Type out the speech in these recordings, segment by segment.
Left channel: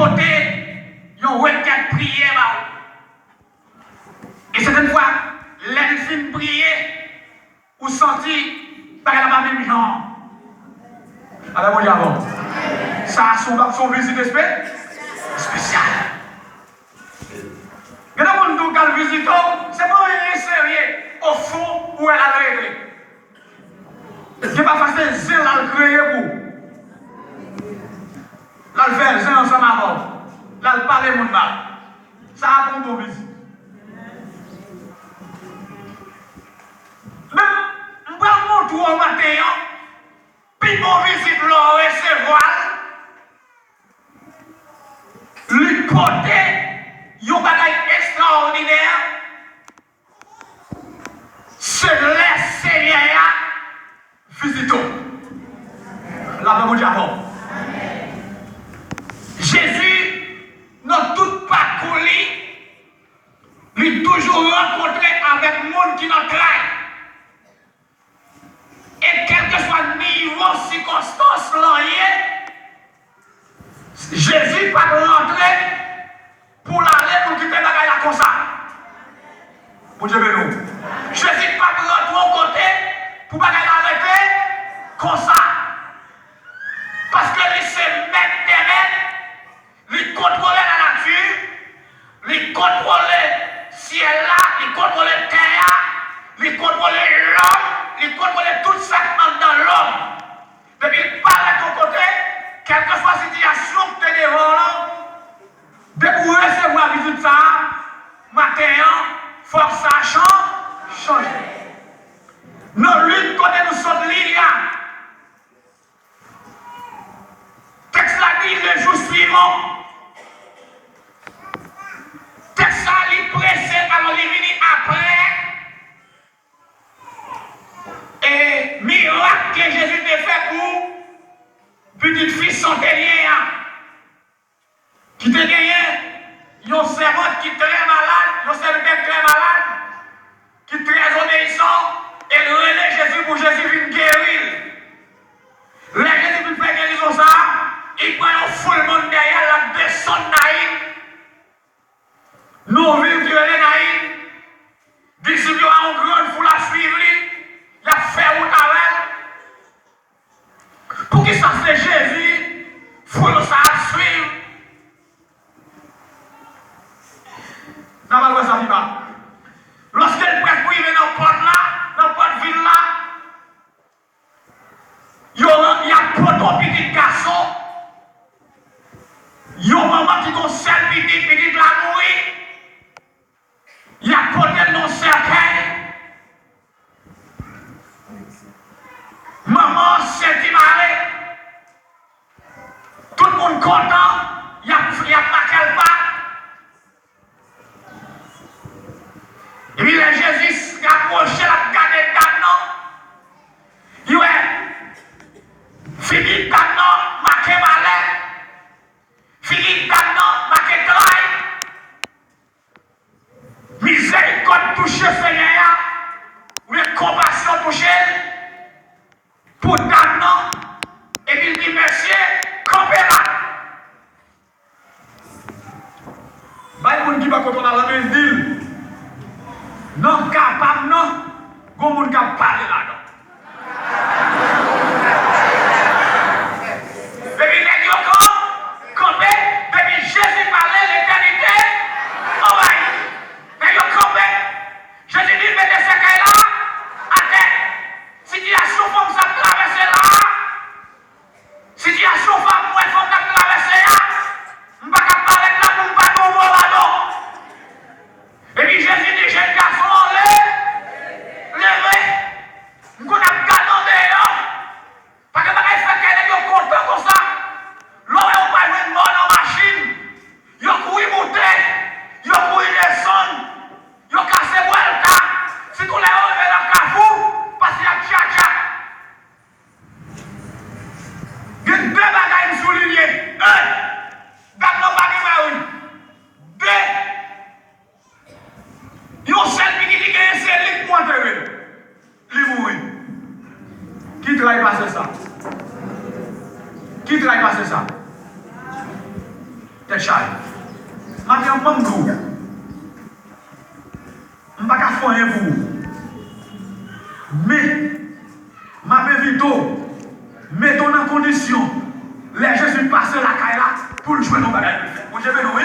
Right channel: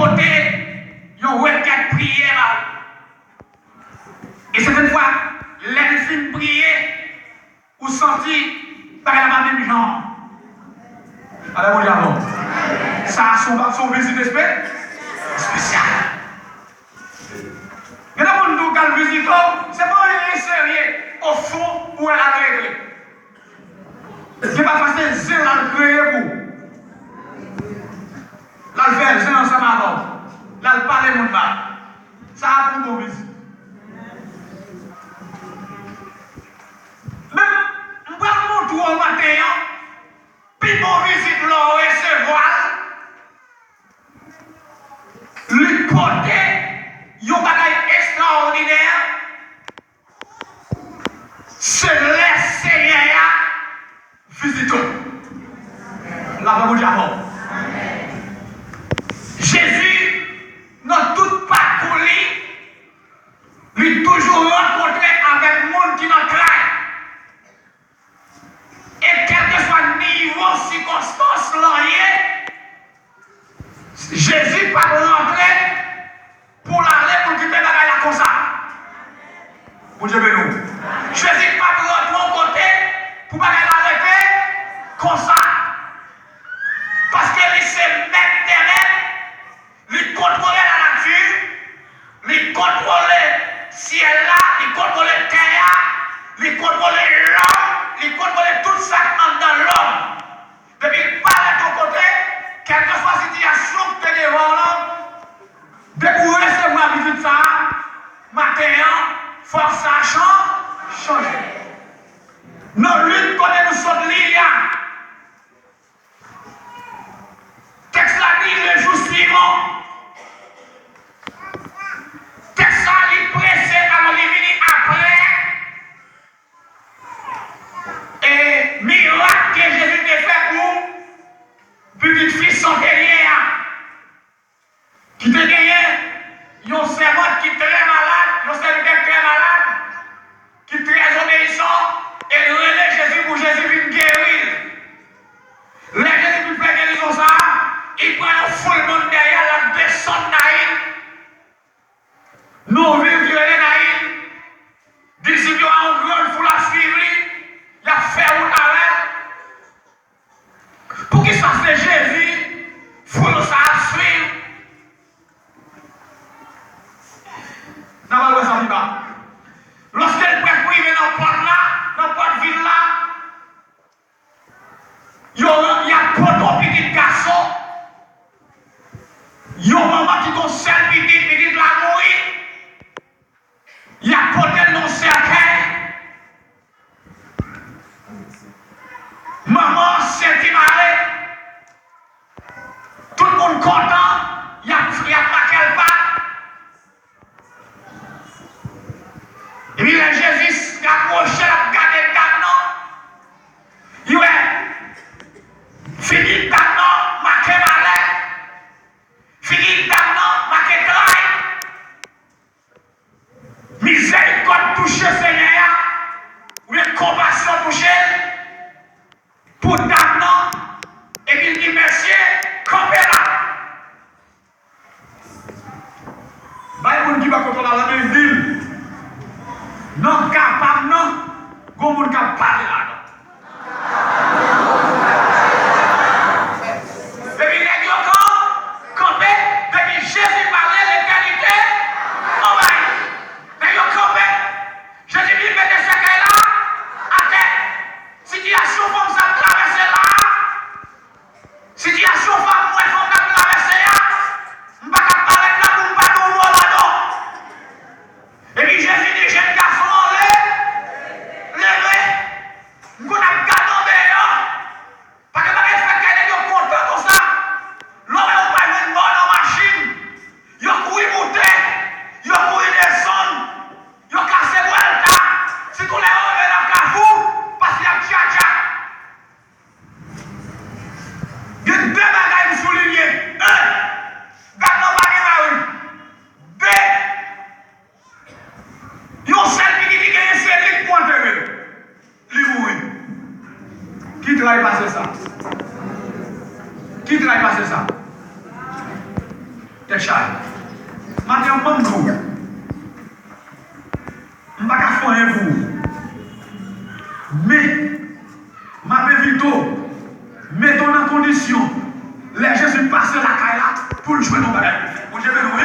porter une requête prière. Et certaines fois, l'enfin prier ou sentir par la même genre. Alors, mon Dieu, avant. Ça a son visite spéciale. Mais dans le monde où visite, c'est pas rien sérieux. Au fond, où elle a réglé. C'est pas facile, c'est là le créer pour. Là, le faire, c'est ensemble avant. Là, le parler, mon mal. Ça a pour une visite. Même, je vais vous montrer au matin, puis mon visite là, recevoir, lui porter, un bagage extraordinaire, se laisser visiter. La Bible dit avant. Jésus, dans tout parcours, lui toujours rencontré avec le monde qui nous traite. Et quel que soit le niveau, circonstance, Jésus pas rentrer pour l'aller pour quitter la bagaille comme ça. Vous Dieu nous. Jésus pas rentrer au côté pour bagaille arrêter comme ça. Parce que lui c'est maître terrain, lui contrôler la nature, lui contrôler le ciel là, lui contrôler la terre, lui contrôler l'homme. Il contrôle tout ça dans l'homme. Depuis pas de ton côté, quelle que soit la situation que tu es devant là, depuis recevoir la visite ça, matin, force ça change. Nos luttes côté nous sommes liés. Texte là dit le jour suivant. Texte là il pressé alors il vient après. Et miracle que Jésus a fait pour petite fille centenière qui te gagné, un servante qui est très malade, un serviteur très malade, qui est très obéissant, et relève Jésus pour Jésus vienne guérir. Les Jésus vienne faire guérison ça, il prend un full monde derrière la descente naïve. Nous vivons violer naïve. Disciples ont une grande foule à suivre. Il a fait route avec. Pour qu'il ça c'est Jésus, il faut ça suivre. N'a pas le ça pas. Lorsqu'elle peut priver dans le porte là, dans le porte ville là, il y a pas de petit garçon. Il y a un maman qui conseille petit la nourrir. Il y a peut-être non certain. Maman s'est marée. Tout le monde content. Il y a pas qu'elle part. Et puis Jésus approché la garde maintenant. Il est fini maintenant, marqué malais. Fini maintenant, marqué trail. Miséricorde touche Seigneur. Ou compassion touche. Pour maintenant, et puis il dit, monsieur, campez là. Il y a des gens qui va contrôler la même ville. Non capable, non. Il y a des gens qui parlent là. Et puis il dit, campez, et puis Jésus parlait l'éternité. Oh ouais. Et il campé. Jésus dit, mettez ce qu'elle là, à terre. Situation comme ça traverser là. Situation femme, moi, il faut que traverser là. Je ne peux pas parler là pour ne pas nous voir là-dedans. Et puis Jésus dit, jeune garçon, levez. Je ne peux pas garder dehors. Parce que je fais qu'elle est content comme ça. L'homme n'a pas une bonne machine. Il a couru monter. Il a couru descendre. Il a cassé Vuelta. Si tous les hommes veulent la Carrefour, parce qu'il y a tcha-tcha. Il y a deux bagages soulignés. Un, garde nos bagages. Deux, il y a un seul qui dit qu'il y a un seul qui pointe. Il mourit. Qui travaille passer ça? Qui travaille passer ça? T'es chargé. Maintenant, je ne vais pas faire vous. Mais, ma vite, mettons en condition, les Jésus passent la caille là pour le jouer nos bagages. Mon Dieu, oui.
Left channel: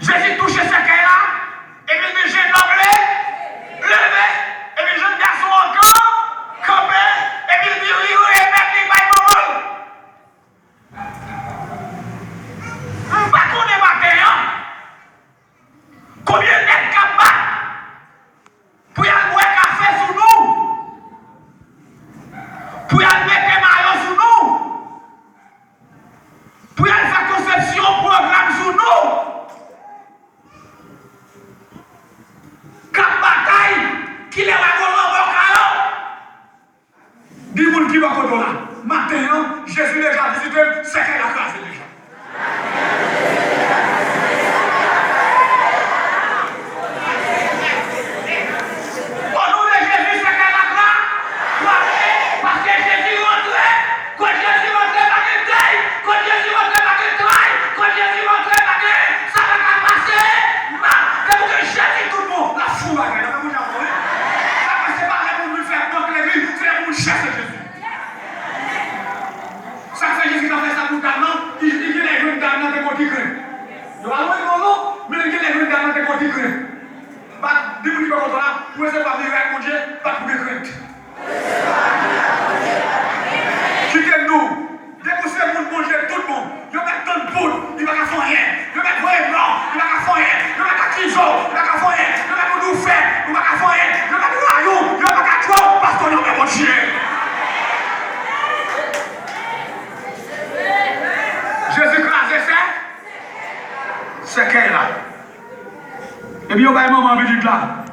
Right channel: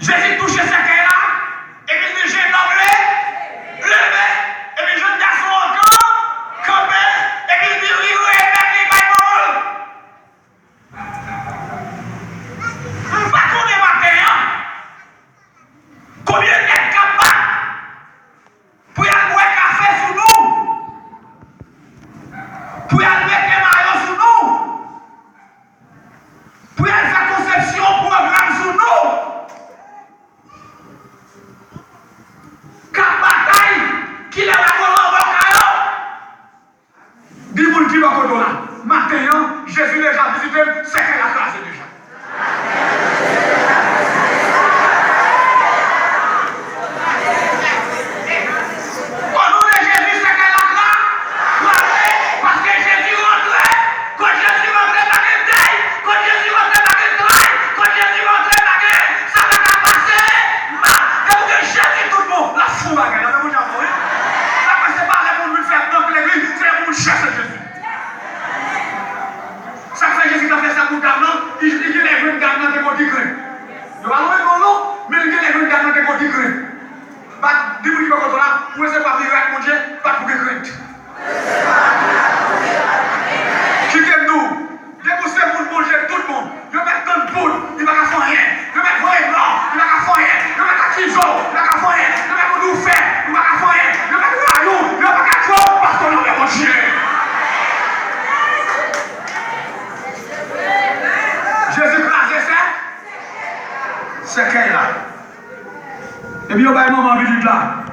Jésus touche cette caille là, et puis il dit, j'ai parlé, levé, et puis jeune garçon encore, campé, et puis il dit, oui, oui, et puis il va y on ne va pas connaître matin. Combien d'êtes capables pour y aller boire un café sur nous? Pour y aller mettre un maillot sur nous? Pour y aller faire conception, programme sur nous? Cap bataille, qui est la colonne en caillot? Dis-moi qui va contre là. Maintenant, Jésus déjà visité, c'est qu'elle a classé déjà. C'est qu'elle là. Et puis, il y a un moment visite là.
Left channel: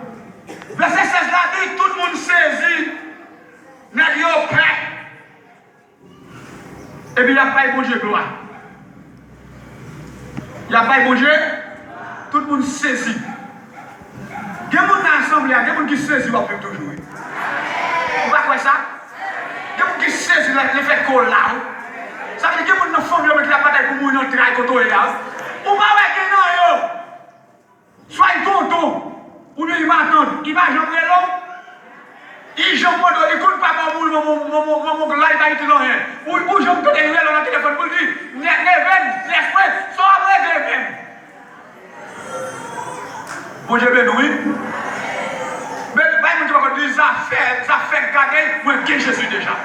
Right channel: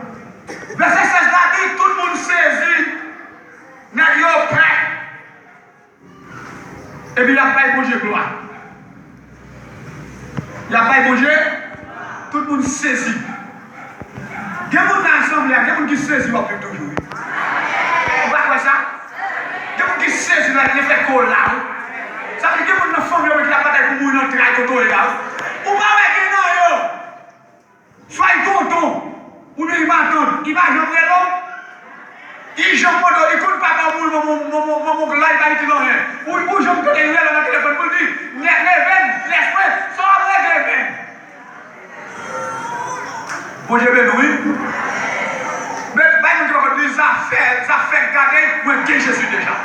Verset 16 là dit, tout le monde saisit, n'a dit au prêt. Et puis, il n'y a pas de bon Dieu, gloire. Il n'y a pas de bon Dieu, tout le monde saisit. Il y a des gens dans l'assemblée, il y a des gens qui saisissent toujours. Vous voyez quoi ça? Il y a des gens qui saisissent l'effet colle là. Ça veut dire qu'il y a des gens qui font la bataille pour mourir dans le terrain côté là. Ou pas avec non yo. Soyez tonton. Ou bien il va attendre. Il va jouer l'homme. Il joue pas de écoute pas comme mon live va être dans rien. Ou je me donne une dans le téléphone pour dire Neven, l'esprit, sors avec Neven. Bon Dieu béni. Mais pas nous devons dire ça fait garder moi qui Jésus déjà.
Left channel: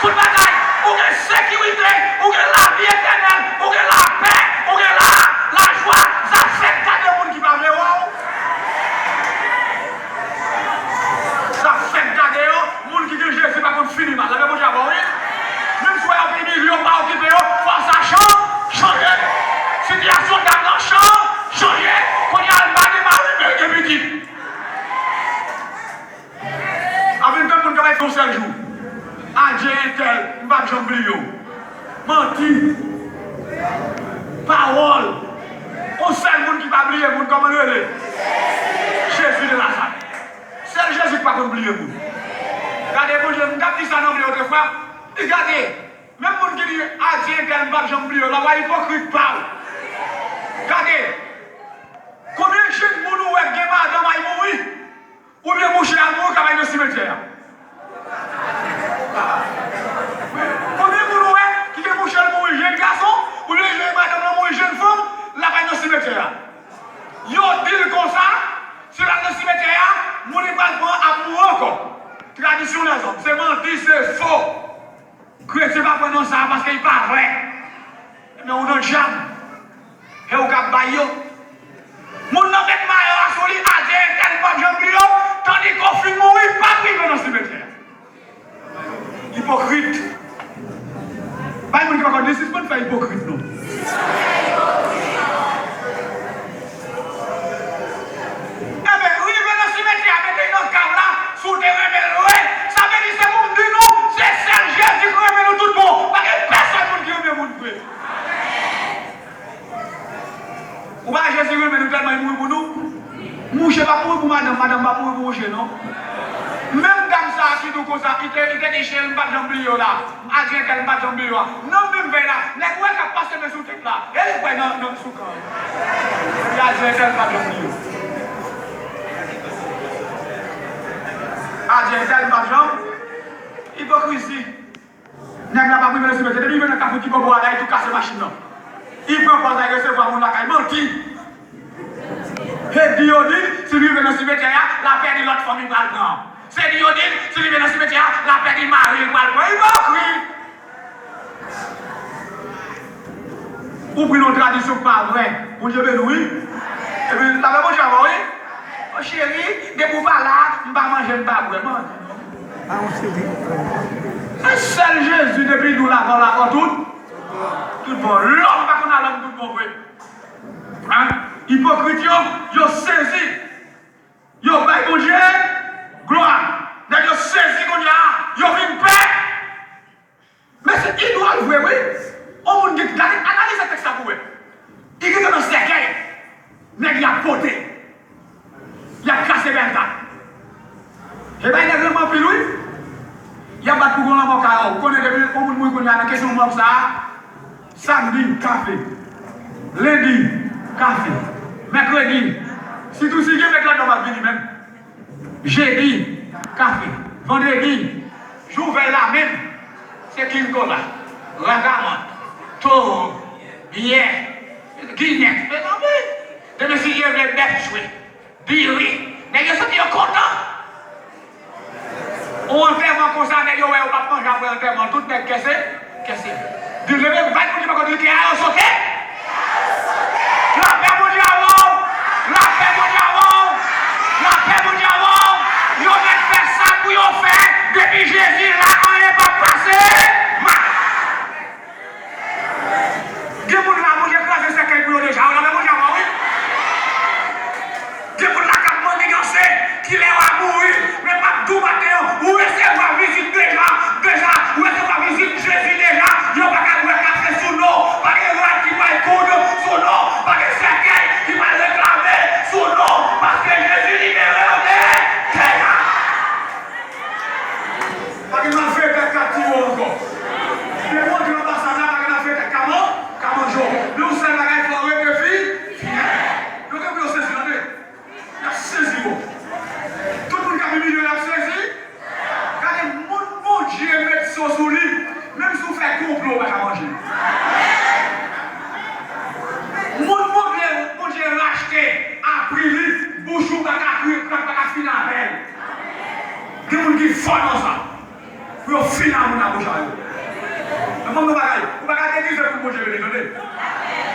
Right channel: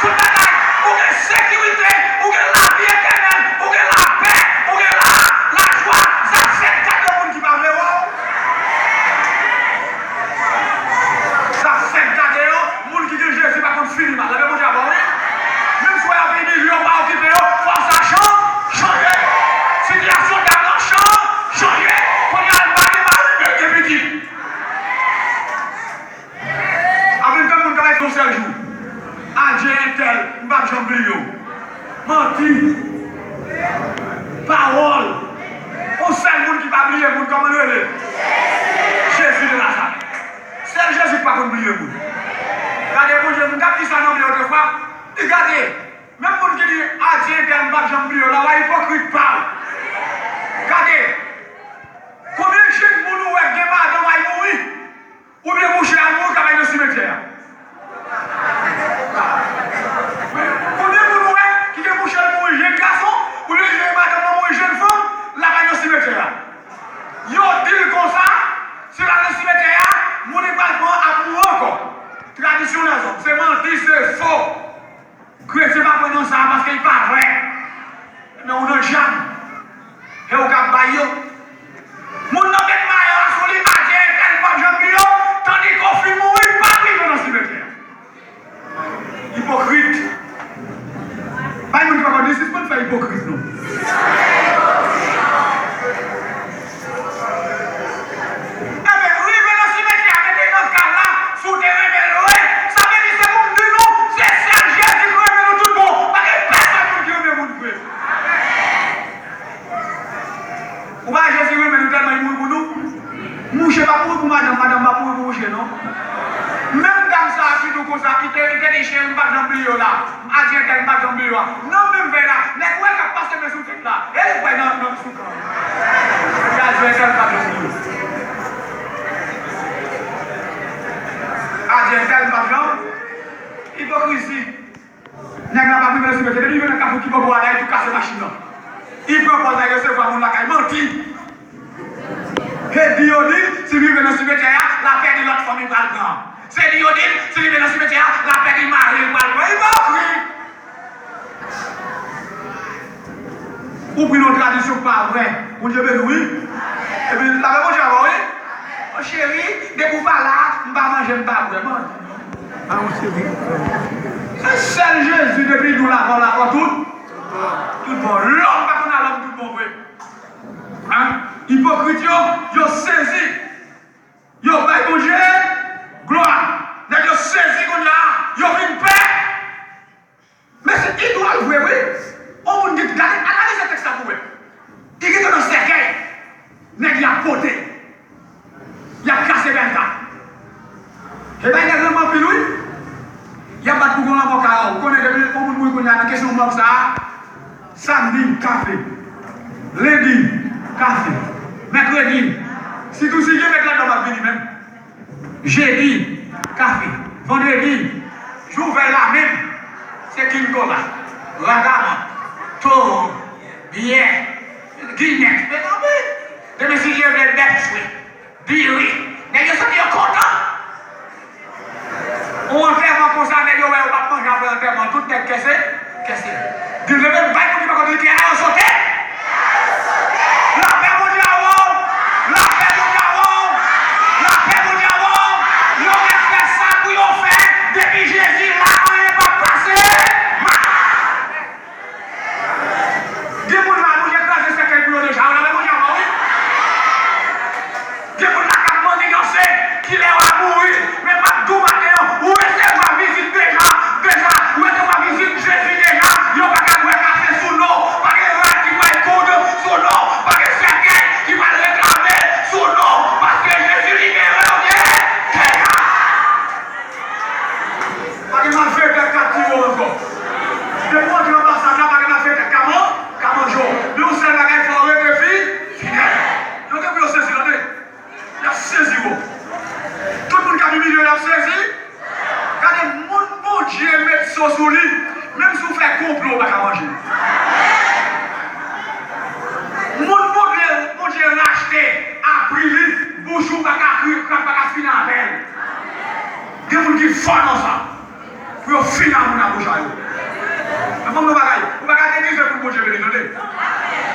Tout bagaille, ou de sécurité, ou de la vie éternelle, ou de la paix, ou de la joie, ça fait tant de monde qui parle de vous. Ça fait tant de monde qui dit Jésus pas contre fini mal. Vous avez déjà vu? Même si vous avez un million pas occupé, faut ça changer. Situation d'argent changer. Quand il y a le mari, il petit. Avec tout le monde qui va être un seul jour. Adien tel, m'bap jamblio. Menti. Parole. On seul monde qui va oublier le monde comme le est. Jésus de Nazareth. Seul Jésus qui va oublier le monde. Regardez, mon Dieu, m'tap dit ça non l'autre fois. Regardez, même monde qui dit adien tel, m'bap jamblio, là, la hypocrite parle. Regardez. Combien de jeunes moun ou est qui va mourir? Ou bien moucher à mourir qui va dans le cimetière? Combien de gens qui ont mouché pour un jeune garçon ou bien pour une jeune femme, là dans le cimetière? Ils ont dit comme ça, sur le cimetière, mon département a pour encore. Traditionnel, c'est menti, c'est faux. C'est pas pour ça parce qu'il n'est pas vrai. Mais on a un jam. Et on a un baillot. Mon nom est Maïo, la solide, a dit, tel pas jean tandis qu'on fait mourir, pas vivre dans le cimetière. Hypocrite. Pas une fois qu'on dit, c'est pas de faire hypocrite, non. Eh bien, oui, mais dans ce cimetière, mettez dans ce cas-là, souterrain, mais loin, ça veut dire c'est pour nous, non, c'est seul Jésus qui remet nous tout le monde. Parce que personne qui remet nous tout le monde. Ou pas Jésus remet nous tellement il mourit pour nous. Moucher pas pour madame pas pour moucher, non? Même dame ça, qui nous cause ça, qui était des chiens, pas de bleu là, Argentin, pas de bleu là. Non, même vers là, les gars qui passent de sous tête là, elle est pas dans notre sous camp. Il y a Argentin, pas de bleu. Argentin, pas de hypocrisie. N'est-ce pas plus de se mettre, il vient dans le qui peut boire là et tout casser la machine là. Il prend pas de recevoir mon lacaille, menti. Et Diodine, si lui vient dans le cimetière, la paix de l'autre famille va le prendre. C'est Diodine, si lui vient dans le cimetière, la paix du mari va le prendre. Il va crier. Ou pris nos traditions pas vrai. Mon Dieu béni. Et puis, la même chose, oui. Oh chérie, dès que vous parlez là, je ne vais pas manger, je ne vais pas vraiment. Ah, mon chéri. C'est seul Jésus depuis nous l'avons là, tout. Tout bon. L'homme, pas qu'on a l'homme tout bon, vrai. Hein? Hypocrite, yo saisi. Yo bail bon Dieu, gloire. Nèg yo saisi qu'on y a, yo vinn paix. Mais c'est qui doit le voir, oui? On dit, analyse ce texte là pour vous. Il est dans le cercueil. Nèg y a poté. Il a cassé Berta. Et bien, il y a vraiment plus lui. Il y a pas de pouvoir en avocat. Vous connaissez depuis comment vous connaissez la question de ça. Samedi, café. Lundi, café. Mercredi, si tout signe avec la normal venir même. Jeudi, café. Vendredi, j'ouvre la même. C'est King Cola. Ragama. Toro. Hier. Guignette. Demain, si j'ai les bêtes jouées. Dis oui. Mais je sais qu'ils sont contents. On enterrement comme ça, on va pas manger après l'enterrement. Tout est caissé. Dieu le même, va qu'on va dire qu'il y a un sauté. La paix mon diable. La paix mon diable. La paix mon diable. Ils ont fait ça pour y faire. Depuis Jésus là, on n'est pas passé. Dieu vous l'a mangé grâce à ce qu'elle vous a déjà. On a mangé avant, oui. Dieu vous l'a capté, qu'il est à mourir. Mais pas tout matin. Où est-ce que va visite déjà? Où est-ce que va visite Jésus déjà? Il n'y a pas qu'à jouer café sous l'eau. Pas que roi qui va écouter sous l'eau. Pas que cercueil qui va réclamer sous l'eau. Parce que Jésus libéré, ok? Pas que l'on fait des captures encore. Des mois de l'ambassadeur, pas que l'on fait des comment jours. Nous, c'est la guerre forêt de filles. Nous devons saisir la tête. Il a saisi vous. Tout le monde qui a mis milieu, il a saisi. Quand les gens, mon Dieu, mettent ça sous lui, même si vous faites complot, on va pas manger. Mon Dieu, racheté, a pris lui, bouchou, pas qu'à finir avec elle. Il y a des gens qui font dans ça. Pour finir avec la bouche à eux. Mais comment vous ne pouvez pas déguiser pour mon Dieu béni, attendez. Vous ne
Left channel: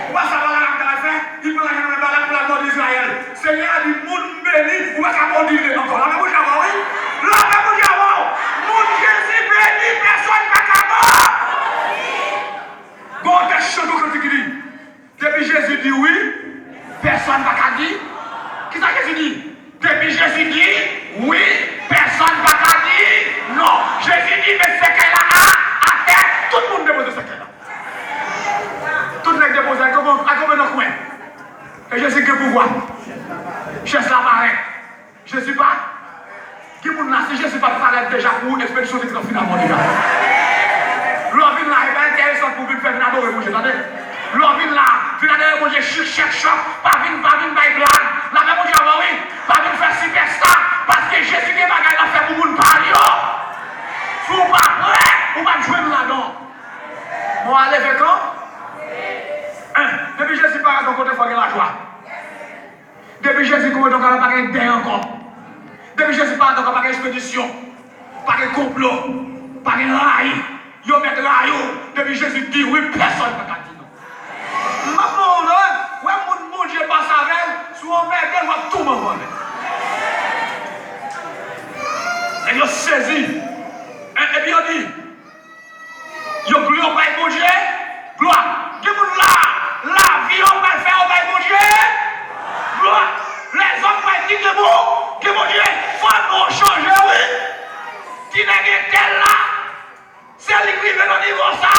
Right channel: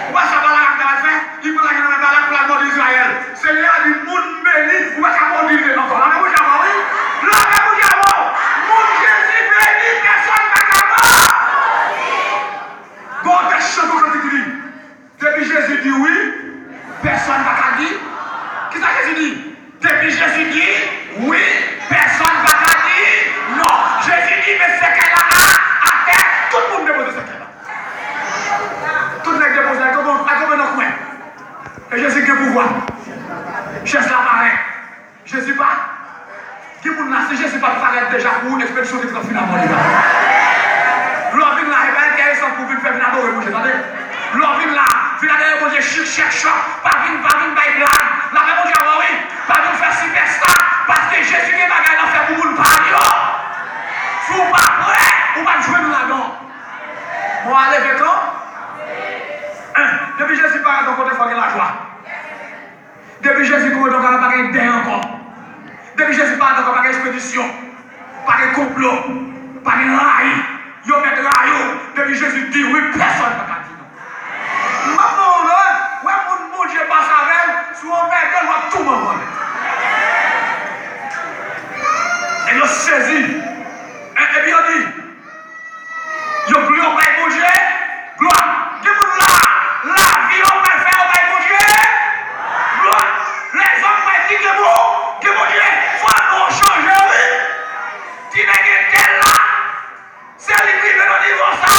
pouvez pas savoir la faire, il prend la guerre dans la balade pour la mort d'Israël. Seigneur dit, mon béni, vous ne pouvez pas mordre encore. La même chose, oui? La même chose, mon Jésus béni, personne ne va mort. Bon, qu'est-ce que tu dis? Depuis Jésus dit oui, personne ne va dire. Qui ça Jésus dit? Depuis Jésus dit oui, personne ne va dire non. Jésus dit, mais c'est qu'elle a à faire, tout le monde dépose ce qu'elle a. Tout le monde dépose à combien de coin. Et Jésus qui a pouvoir. Cherche la marée. Jésus pas. Qui vous n'a Jésus pas paraître déjà pour une expédition de finalement les gars. L'homme là, il va intéressant pour venir faire une adorer, vous entendez? L'homme là, il va aller chercher, pas venir by blague. La même chose, oui, pas venir faire superstar. Parce que Jésus qui va gagner l'affaire pour vous parler. Si vous pas prêt, vous va jouer là-dedans. Moi, allez, maintenant. Depuis Jésus paraît, donc on te fait la joie. Depuis Jésus, on ne va pas gagner encore. Depuis Jésus paraît, donc on va pas expédition. Pas de complot, pas de rails. Ils mettent rails. Depuis Jésus dit oui, personne ne va dire non. Maman, ouais, mon Dieu passe avec, si on met, elle va tout m'envoyer. Et il saisi. Et puis on dit, il a plus au bail mon Dieu, gloire. La vie on va faire au bail mon Dieu, gloire. Les hommes vont dire que mon Dieu, il faut nous changer, oui. Qui n'est tel là, c'est lui qui veut le niveau ça.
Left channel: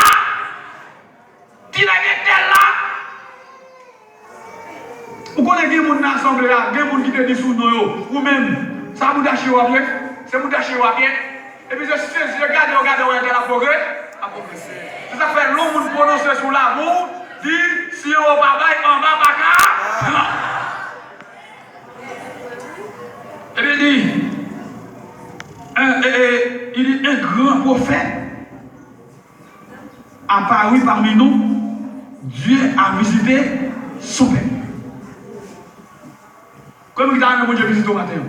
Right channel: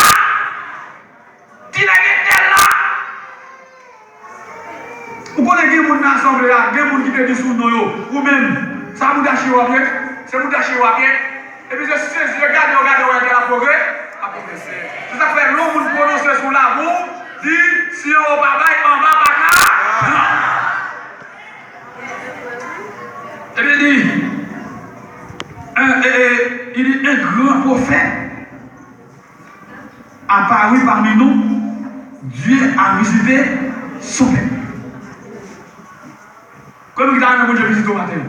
Qui n'est tel là. Vous connaissez des gens dans l'assemblée là, des gens qui étaient sous nous, ou même, ça vous d'acheter ou bien, c'est vous d'acheter ou bien. Et puis je regarde, on a progrès. C'est ça fait long pour prononcer sur la boue, dit si on va pas en bas, pas là. Et puis il dit un grand prophète apparu parmi nous, Dieu a visité son peuple. Comme il a dit, je visite au matin.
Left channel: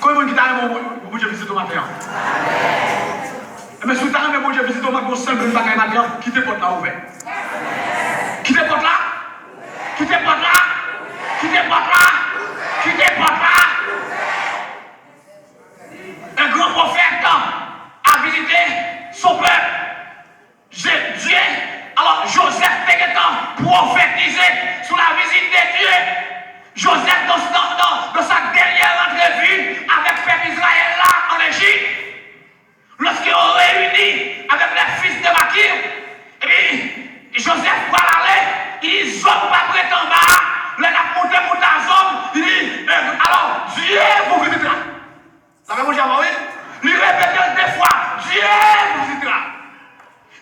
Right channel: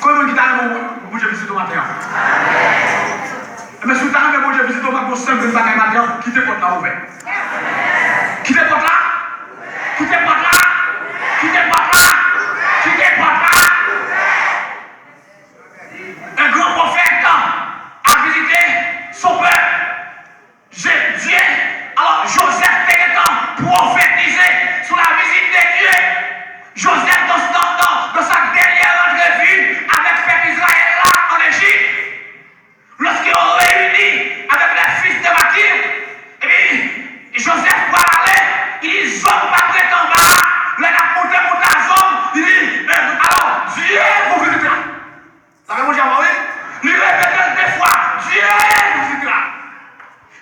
Comme il a dit, je visite au matin. Mais si tu as dit, je visite au matin, c'est simple, quittez votre là ouvert. Quittez votre là. Quittez votre là. Quittez votre là. Quittez votre là. Un grand prophète a visité son peuple. Dieu, alors Joseph était prophétisé sur la visite de Dieu. Joseph, dans sa dernière entrevue avec le peuple Israël là en Égypte, lorsqu'ils ont réuni avec les fils de Makir, et puis Joseph va aller, il dit zone pas près en bas, le gars monte à zone, il dit alors Dieu vous visitera. Ça va vous dire, oui? Il répète des fois, Dieu vous visitera.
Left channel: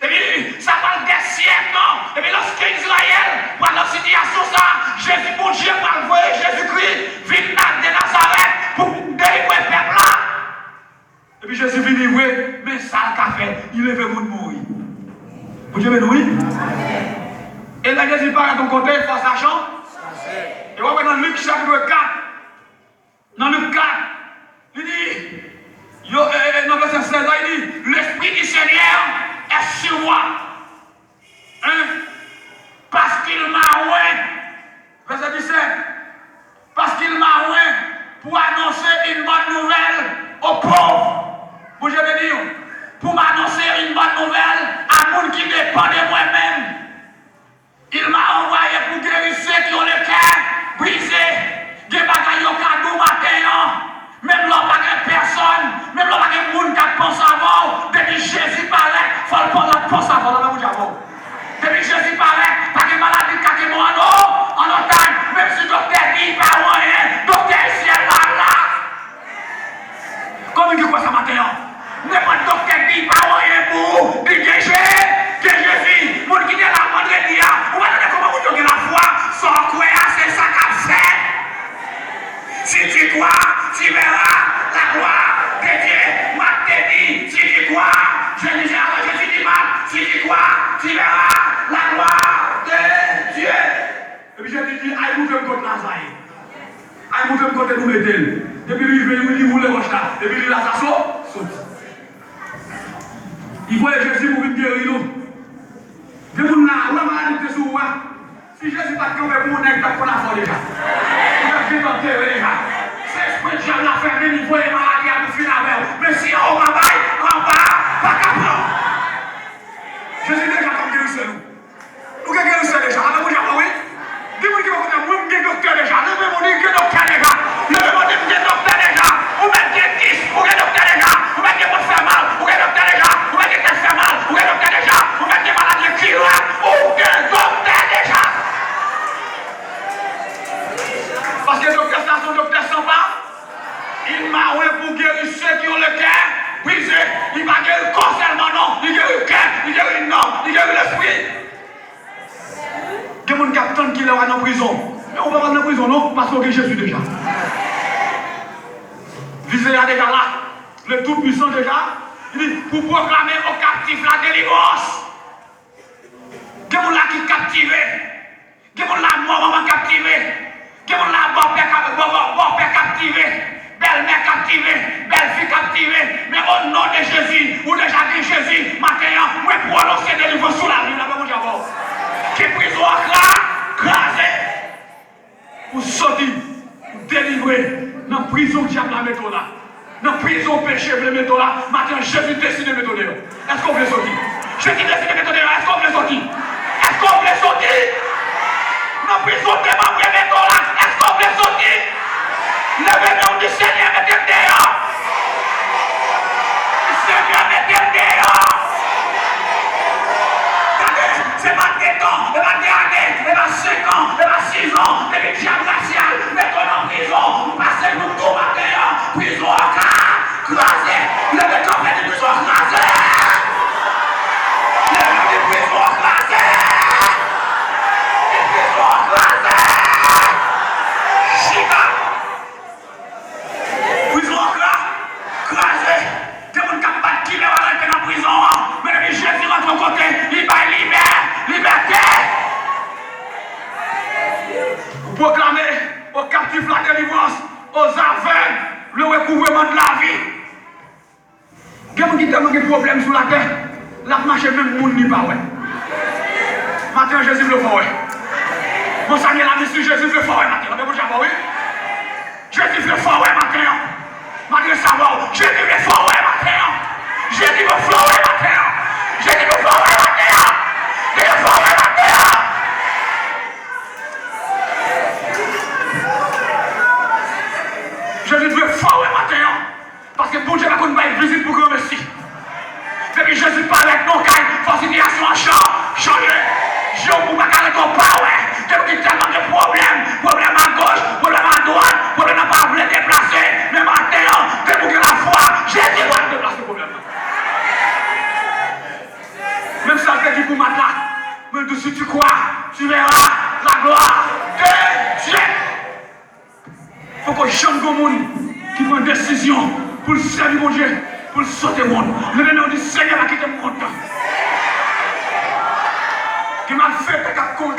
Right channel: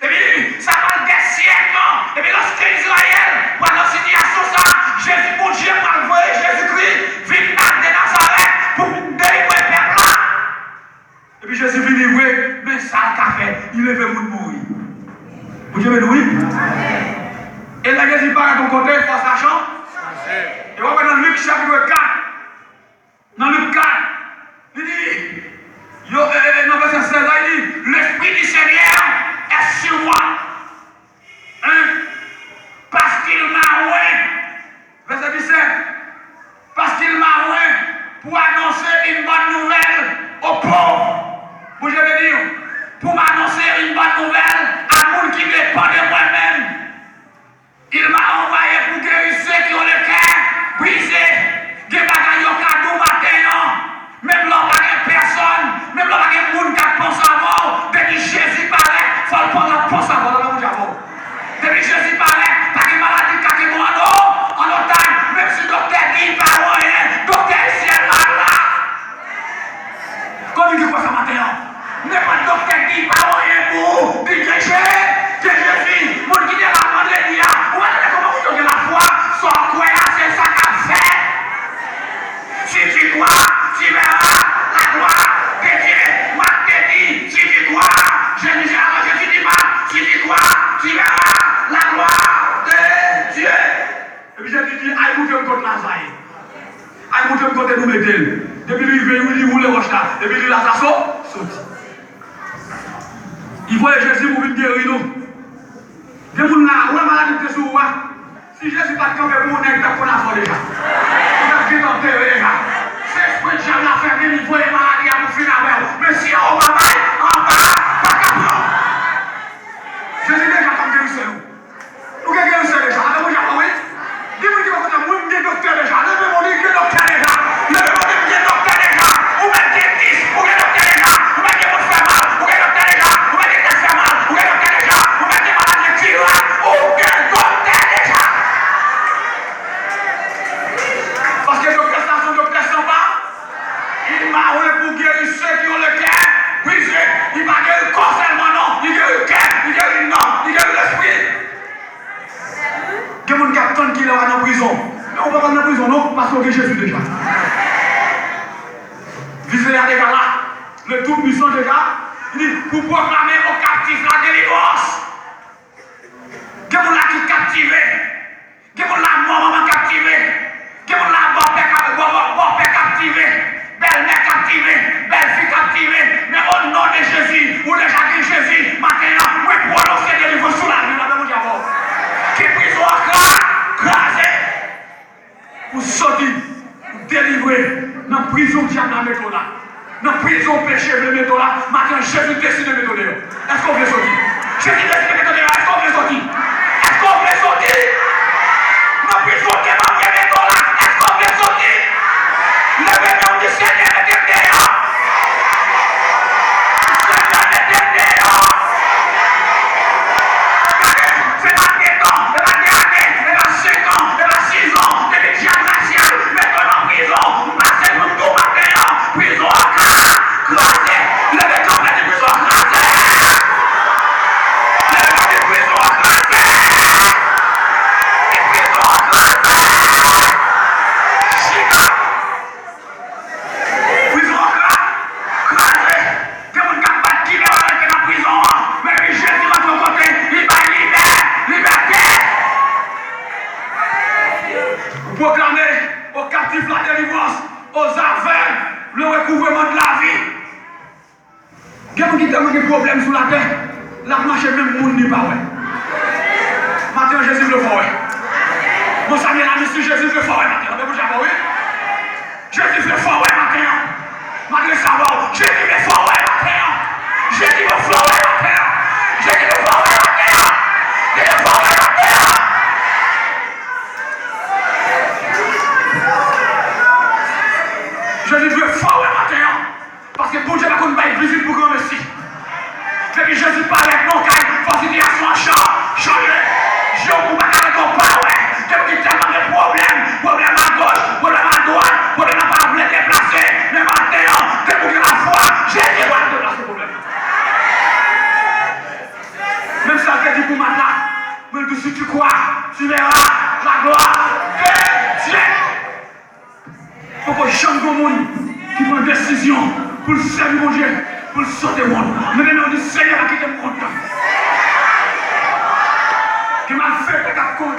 Et puis, ça va des siècles. Et puis, lorsque Israël, pendant cette situation, ça, Jésus, mon Dieu, va envoyer Jésus-Christ, vient de Nazareth pour délivrer le peuple là. Et puis, Jésus vient livrer, mais ça, il a fait, il est fait pour mourir. Vous Dieu, oui? Et là, Jésus parle à ton côté, il faut sachant. Et on va dans Luc chapitre 4. Dans Luc 4, il dit, dans verset 16, il dit, l'Esprit du Seigneur est sur moi. Hein? Parce qu'il m'a oint. Verset 17. Parce qu'il m'a oint pour annoncer une bonne nouvelle aux pauvres. Vous je veux dire, pour m'annoncer une bonne nouvelle à monde qui dépend de moi-même. Il m'a envoyé pour guérir ceux qui ont le cœur brisé. Des bagailles au cadeau matin. Même là, il n'y a personne. Même là, il y a des gens qui pensent à mort. Depuis Jésus paraît, il faut le prendre la pense à mort. Depuis Jésus paraît, pas de maladie qui est en otage. Même si le docteur dit pas rien, docteur ici est là. Comme il dit quoi ce matin? N'importe docteur dit pas rien pour dire que Jésus, mon qui est là, mon Dieu, vous allez comment vous donnez la foi, sans croire, c'est ça qu'a fait. Si tu crois, tu verras la gloire de Dieu. Moi, je te dis, si tu crois, je dis alors, je te dis mal, si tu crois, tu verras la gloire de Dieu. Et puis je te dis, aïe, vous faites contre Lazare. Aïe, vous faites contre nous mettez. Depuis lui, il veut nous rouler roche là. Et puis il a sa saute. Il faut Jésus pour venir guérir nous. Des gens là, où est maladie de sous moi? Si Jésus pas de camp, pour on est qu'on a fait déjà. On a fait déjà. C'est ce que Dieu l'a fait, mais il faut les maladies à nous finir avec. Mais si on va en bas, pas capable. Jésus déjà comme guérisseur nous. Nous qui guérisseur déjà. On a déjà oui. Dis-moi qui va dire, moi je suis docteur déjà. Levez-moi dire que docteur déjà. Levez-moi dire que docteur déjà. Ou même dire 10 pour que docteur déjà. Ou même dire que fait mal pour que docteur déjà. Ou même dire que fait mal pour que docteur déjà. Ou même dire maladie qui va ou que docteur déjà. Parce que docteur ça, son docteur s'en va. Il m'a oué pour guérir ceux qui ont le cœur brisé. Il m'a guéri le corps seulement, non. Il guérit le cœur, il guérit le nom, il guérit l'esprit. Il y a des gens qui sont en prison. Mais on va pas en prison, non, parce qu'on est Jésus déjà. Visez là déjà là, le Tout-Puissant déjà. Il dit, pour proclamer aux captifs la délivrance. Il y a des gens qui sont captivés. Il y a des gens qui sont maman captivés. Il y a des gens qui sont captivés. Belle-mère captivée, belle-fille captivée, mais au nom de Jésus, ou déjà dit Jésus, maintenant, vous pouvez prononcer de l'évangile sous la vie, là, mon diable. Qui prison crasée, pour sortir, pour délivrer, dans la prison que j'aime la méthode là, dans la prison péché, le méthode là, maintenant, Jésus décide de méthode là. Est-ce qu'on veut sortir? Jésus décide de méthode là, est-ce qu'on veut sortir? Est-ce qu'on veut sortir? Dans la prison de ma méthode là, est-ce qu'on veut sortir? Le nom du Seigneur est dehors. Le Seigneur est dehors. C'est pas 7 ans, c'est pas 10 années, c'est pas 5 ans, c'est pas 6 ans. Proclamer aux captifs la délivrance, aux aveugles le recouvrement de la vie. Il y a des problèmes sur la terre. La marche même le monde n'est pas. Maintenant, Jésus le fait. Mon Seigneur a dit Jésus le fait maintenant. Jésus le fait maintenant. Malgré ça, Jésus le fait maintenant. Jésus le fait maintenant. Jésus le fait maintenant. Jésus le fait maintenant. Jésus veut fort matin, parce que bon Dieu va qu'on va être visible pour grand merci. Depuis Jésus parle avec mon caille, situation a changé. Je ne peux pas garder ton power. Depuis tellement de problèmes à gauche, problèmes à droite, problèmes à pas vouloir déplacer. Mais maintenant, depuis que la foi, Jésus va déplacer le problème. Même ça, je te dis pour maintenant, même si tu crois, tu verras la gloire de Dieu. Il faut que j'aime le monde qui prend une décision pour le servir mon Dieu, pour le sauver le monde. Le nom du Seigneur a quitté le monde. Qui m'a fait des captons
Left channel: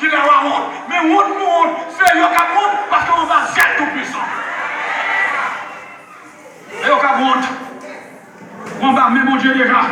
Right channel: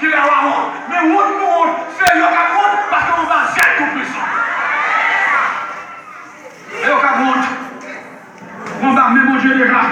qui les rend. Mais on nous, c'est le monde parce qu'on va être tout puissant. Et au cas où, on va même mon Dieu déjà.